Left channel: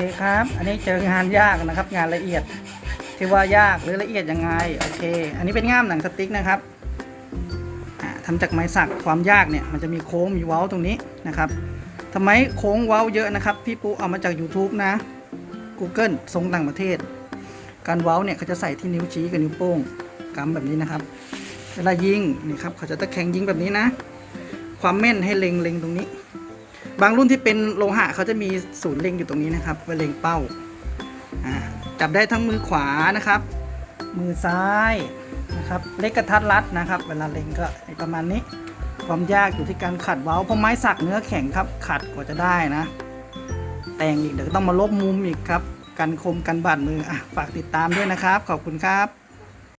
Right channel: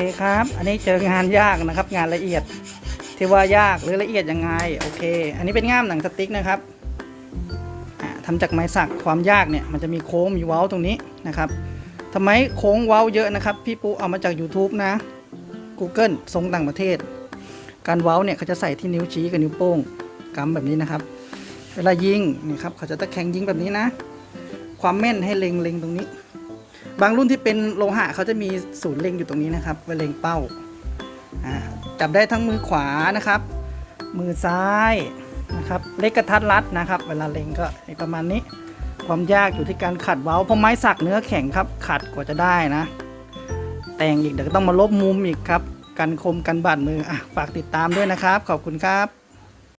คครับ อันนี้เจองานยากนะครับ งานละเอียดที่ว่ายากหรือละเอียดยังไงโอเค อันนี้เป็นง่ามหนังสติ๊กนะครับอ่าทำจากไม้สักความยากเนี่ยมันจะมีโค้งมีเว้าตรงนี้นะครับทำไมโค้งเว้าเยอะนะครับ พี่ปุ๊เอามาจาก YouTube นะ Google ทรงต่างประเทศ การเว้าเนี่ยเขาจะใส่ที่นิ้วชี้กับนิ้วโป้งกำแบบนี้นะครับเวลายิงนี่ครับเขาจะตะแคงยิงแบบนี้นะ ความแม่นให้เล็งเล็งตรงนี้ บางรุ่นที่เป็นโลหะเขาจะมีศูนย์เล็งอยู่ตรงนี้นะครับไว้เล็งเป้าจับได้ทั้งมือขวานะครับ มือซ้ายนะครับเล็กกระทัดรัดนะครับ เวลาเล็งก็ประมาณนี้ ความยากอยู่ที่การขัดเว้าเพราะไม้สักเนื้อแข็งครับ ขัดกว่าจะได้นะ แต่งอีกเดี๋ยวก็ต้องมาลบมุมอีกครับ กันคมกันบาดมืออะฝากติดตามด้วยนะครับ ขอบคุณครับ